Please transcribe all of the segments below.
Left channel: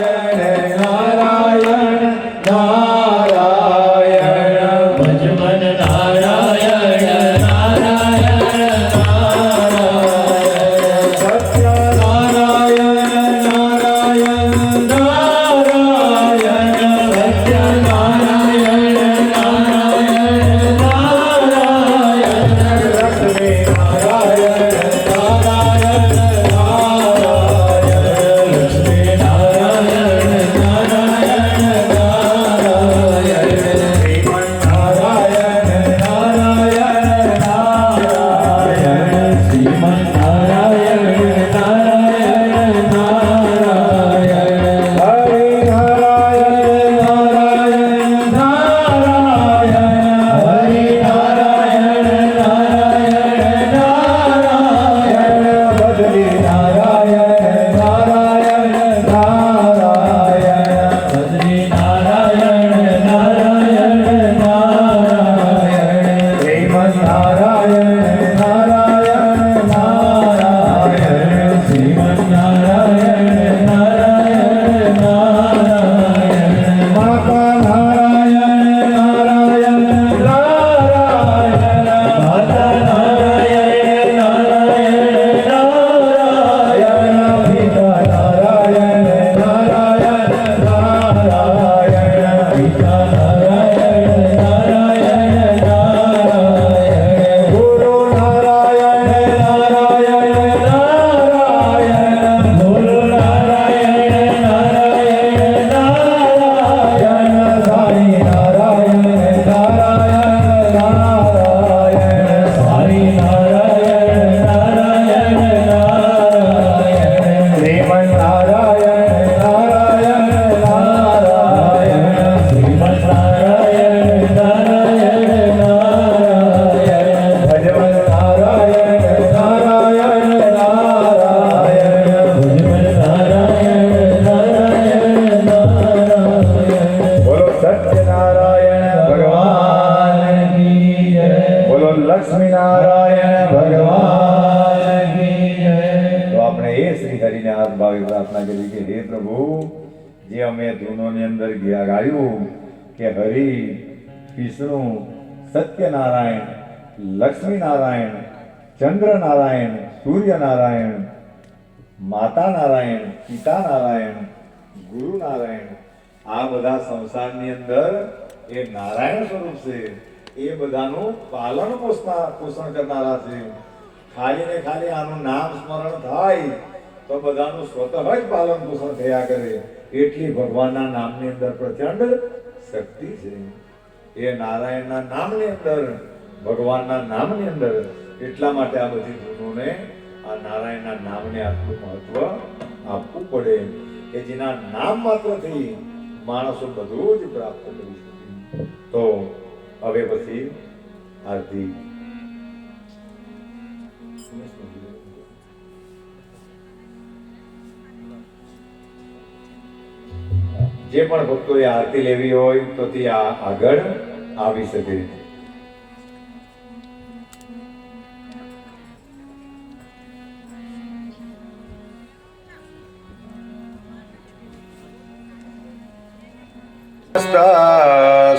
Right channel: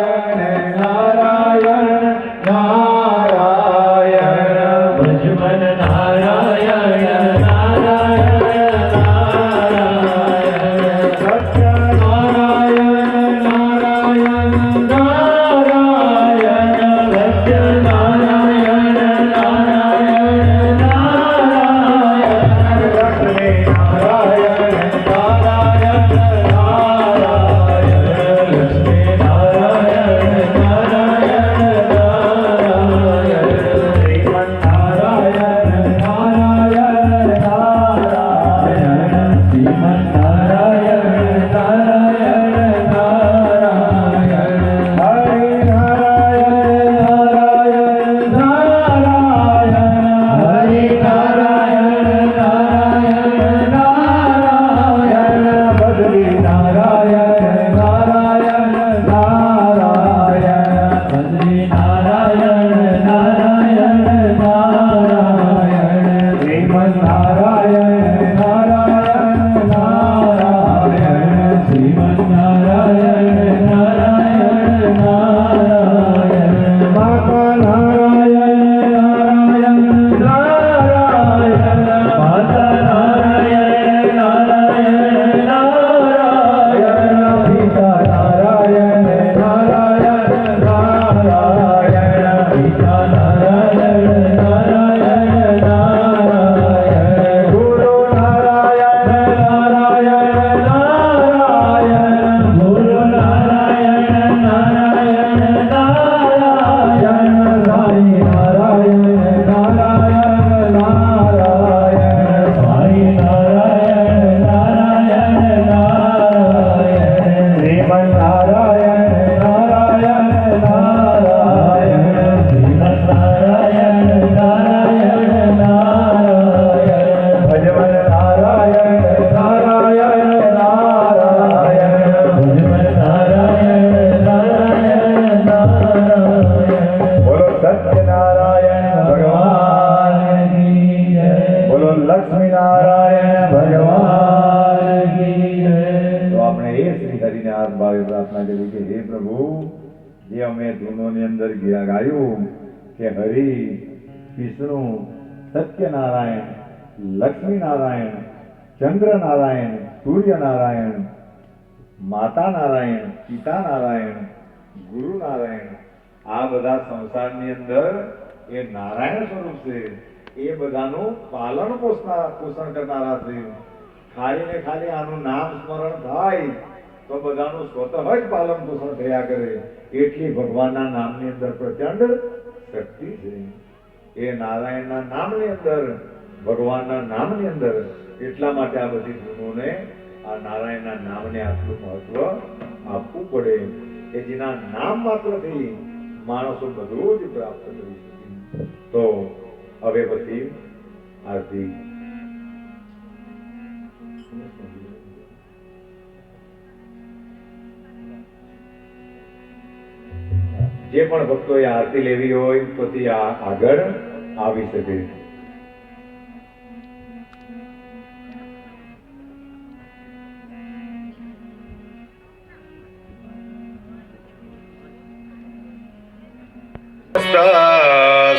નારાયણ કે હરિ વિષ્ણુ, સત્યનારાયણ લક્ષ્મી નારાયણ ચંદ્ર નારાયણ સૂર્ય નારાયણ માતા નારાયણ પિતા નારાયણ ગુરુ નારાયણ આ બધા સંસારની અંદર એ નારાયણ સ્વરૂપ છે. એ બધાનું પાલન પોષતા, પોષણ કરનારા છે. ખાલી ને ખાલી આનું નામ સ્મરણ થાય તો બધાનું સ્વતઃ જ પાલન પોષણ થયા કરે. એટલી ભગવાનના નામની અંદર પ્રચંડ શક્તિ છે. એ નારાયણના નામની અંદર, ભગવાનના નામની અંદર એટલા માટે આ બધી ધૂનોને આ નારાયણના નામને આટલું મહત્વ આપવું પડે કે જેના નામ માત્રથી માણસો બધું જ પ્રાપ્ત કરી શકે. તો હવે પછી આરતી જે પણ ભક્તોએ આરતી લેવી હોય તો તે આ- આગળ આવી શકે.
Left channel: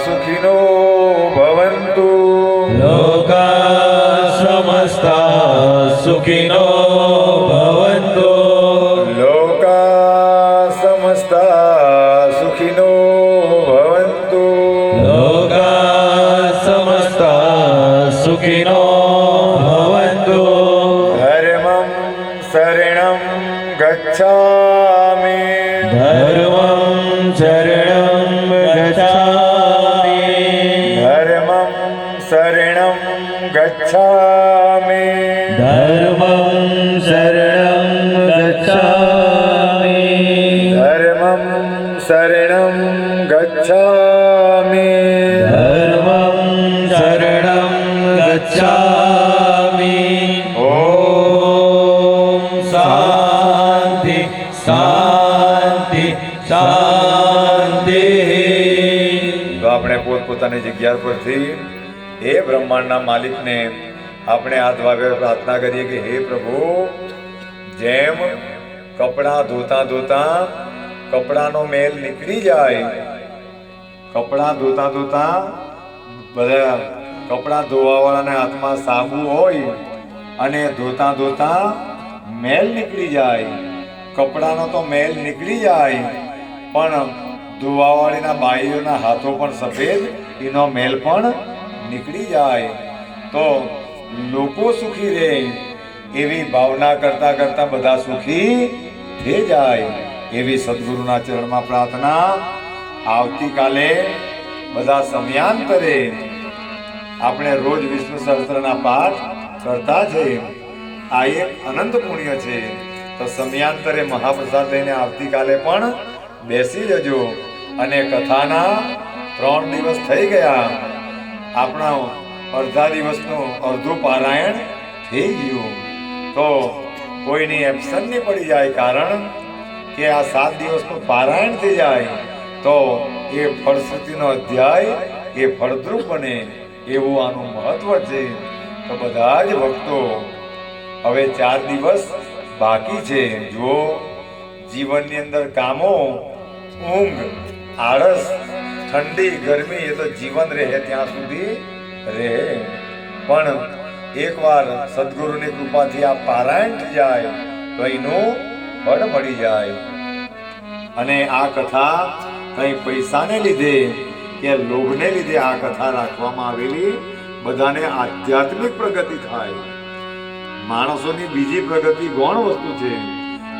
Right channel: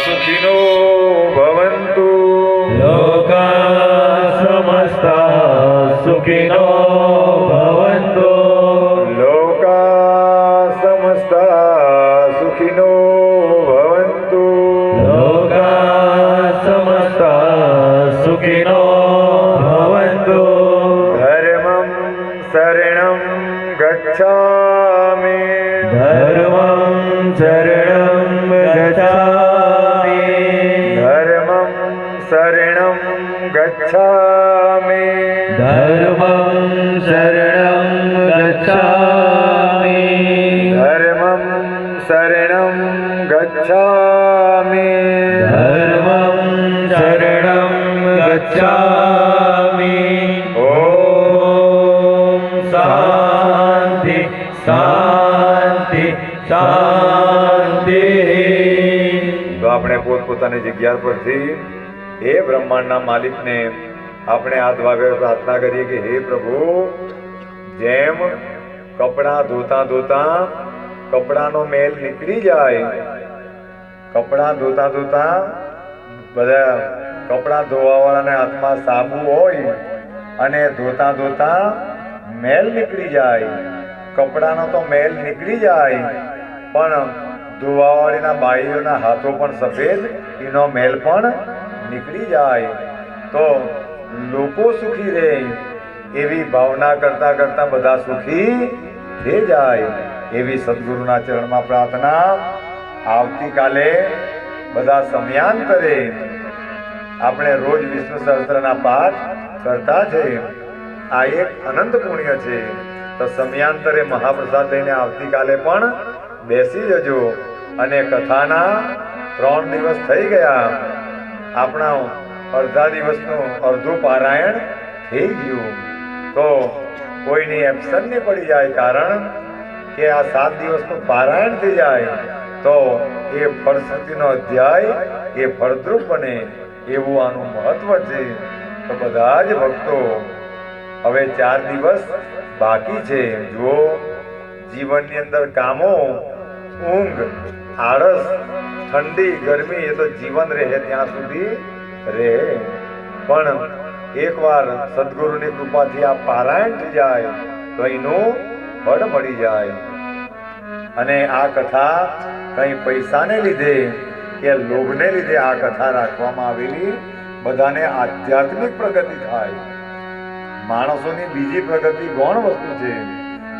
સુખીનો ગચ્છામિ ધર્મં શરણં ગચ્છામિ ધર્મં શરણં ગચ્છામિ આપણે પોતપોતાની જગ્યા પરથી હે બ્રહ્માંડના માલિકને આપણે હાથ વાગે પ્રાર્થના કરીએ કે હે પ્રભુ, જેમ કપડાં ધોતા ધોતા કપડાનો મેલ નીકળી જાય, કપડાં ધોતા ધોતા બધા કપડાં ધોવાવાળાના હાથમાં સાબુ હોય અને ધોતા ધોતા મેલ નીકળી જાય. કપડાનો તો મેલ નીકળી જાય, પણ ધોવાવાળીના બાઈઓના હાથો પણ સફેદ, એનો મેલ પણ નીકળી જાય. તો લોકો સુખી રહે એવી ભાવના કરતા કરતા બધા સુખી થઈ જાય. એવી સદગુરુના ચરણમાં પ્રાર્થના આવતીકાલે બધા સમયાંતરે આપણે રોજ વિષ્ણુ સહસ્ત્રના પાઠ કરતા છે. આ એક અનંત પુણ્ય છે. તો સમયાંતરે મહાપ્રસાદ લઈને આવતીકાલે પણ બેસી જજો. અને કથાના ત્રણ દિવસ થઈ ગયા. આપણા અડધા દિવસનું અડધું પારાયણ થઈ ગયું. તો કોઈની એબસન્ટ નહીં પડી જાય કારણ કે આ સાત દિવસનું પારાયણ થઈ જાય, તો એ ફળશ્રુતિનો અધ્યાય એ ફળદ્રુપ બને એવું આનું મહત્વ છે. તો બધા જ ભક્તો, હવે ચાર દિવસ બાકી છે. જુઓ, જીવનની અંદર કામો, ઊંઘ આળસ, ઠંડી, ગરમી એ તો જીવન રહે, ત્યાં સુધી રહે. પણ એકવાર સદગુરુની કૃપાથી આ પારાયણ જાય, તો એનું ફળ મળી જાય. અને આ કથા કઈ પૈસાને લીધે કે લોભને લીધે આ કથા રાખવામાં આવેલી, બધાને આધ્યાત્મિક પ્રગતિ થાય. માણસોની બીજી પ્રગતિ ગૌણ વસ્તુ છે,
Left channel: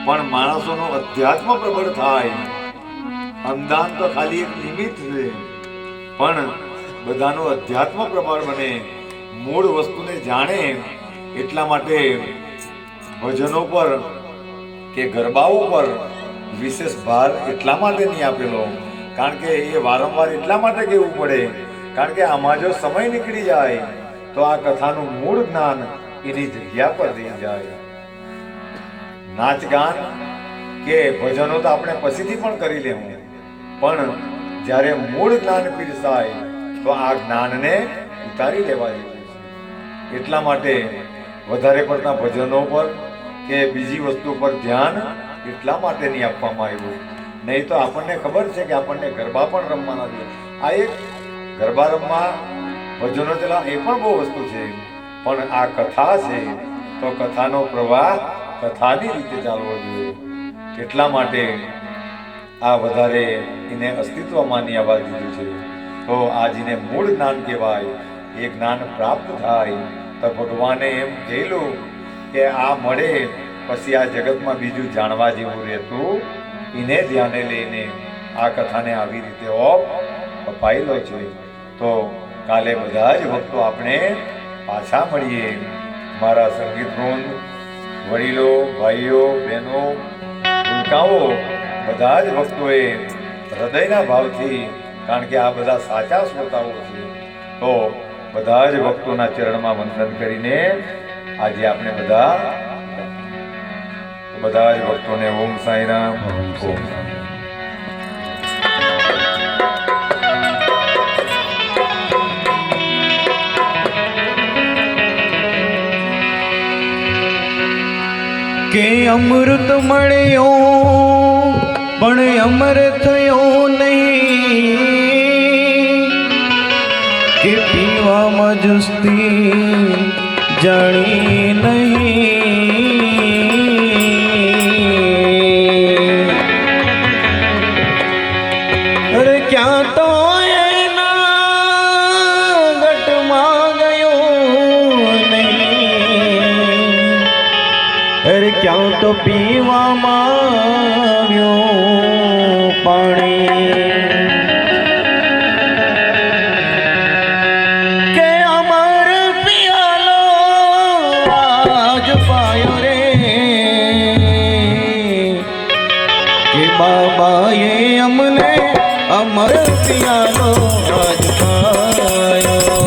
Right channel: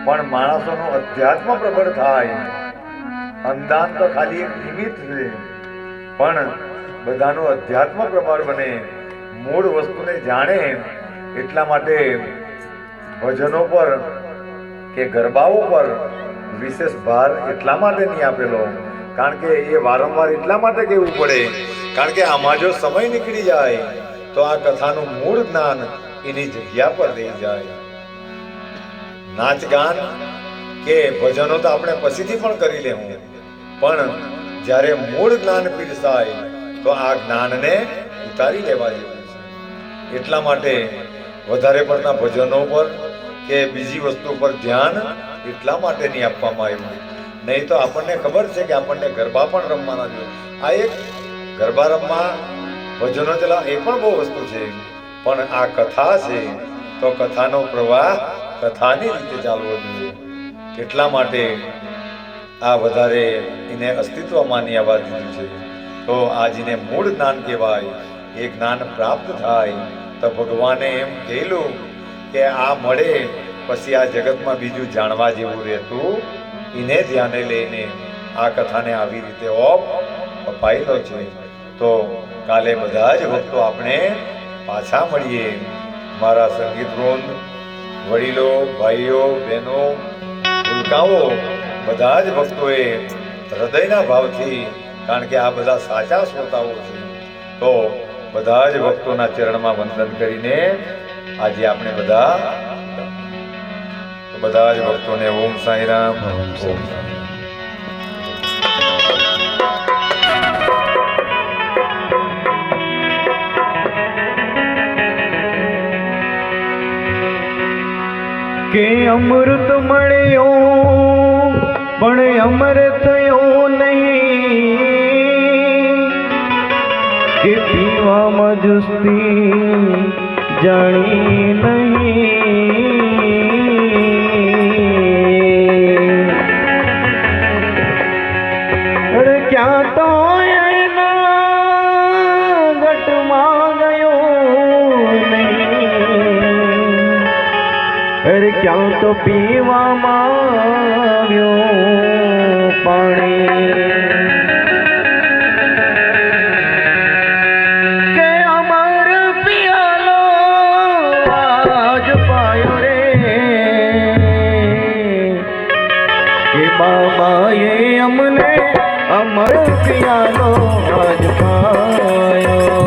પણ માણસોનું અધ્યાત્મ પ્રબળ થાય. અંદાન તો ખાલી એક નિમિત્ત છે. પણ બધાનો અધ્યાત્મ પ્રમાણ બને, મૂળ વસ્તુને જાણે એટલા માટે ભજનો પર કે ગરબાઓ પર વિશેષ ભાર એટલા માટે નહીં આપેલો. કારણ કે એ વારંવાર એટલા માટે કહેવું પડે, કારણ કે આમાં જો સમય નીકળી જાય, તો આ કથાનું મૂળ જ્ઞાન એની જગ્યા પર રહી જાય. નાચ ગાન કે ભજનો તો આપણે પછીથી પણ કરી લેવું. પણ જ્યારે મૂળ જ્ઞાન પીરસાય, તો આ જ્ઞાનને ઉતારી લેવા જેવું એટલા માટે વધારે પડતા ભજનો પર કે બીજી વસ્તુ પર ધ્યાન એટલા માટે નહીં આપવામાં આવ્યું નહીં તો આપણને ખબર છે કે આપણને ગરબા પણ રમવાના જોઈએ આ એક ગરબા રમવા ભજનો ચલા એ પણ બહુ વસ્તુ છે. પણ આ કથા છે, તો કથાનો પ્રવાહ કથાની રીતે ચાલવો જોઈએ. એટલા માટે આ વધારે એને અસ્તિત્વમાં આવવા દીધું છે. તો આ જેને મૂળ જ્ઞાન કહેવાય. એ જ્ઞાન પ્રાપ્ત થાય તો ભગવાને એમ કહેલું કે આ મળે, પછી આ જગતમાં બીજું જાણવા જેવું રહેતું એને ધ્યાને લઈને આ કથાને આવી રીતે ઓપ અપાયેલો છે. તો કાલે બધા જ ભક્તો આપણે પાછા મળીએ. મારા સંગીત વૃંદ, વડીલો, ભાઈઓ, બહેનો, ભૂલકાઓ. બધા જ ભક્તોએ હૃદયના ભાવથી કારણ કે આ બધા સાચા શ્રોતાઓ છે તો બધા જ ભક્તોના ચરણમાં વંદન કરીને આજે આપણે બધા બધા જ ભક્તોને ઓમ સાંઈરામ ઓમ સાંઈરામ. કે અમૃત મળ્યો પણ અમર થયો નહીં કે પીવામાં જુસ્તી જાણી નહીં. અરે ક્યાં તો એના ગટમાં ગયો નહીં. અરે ક્યાં તો પીવામાં અમને અમરો પિયારો આજ પાયો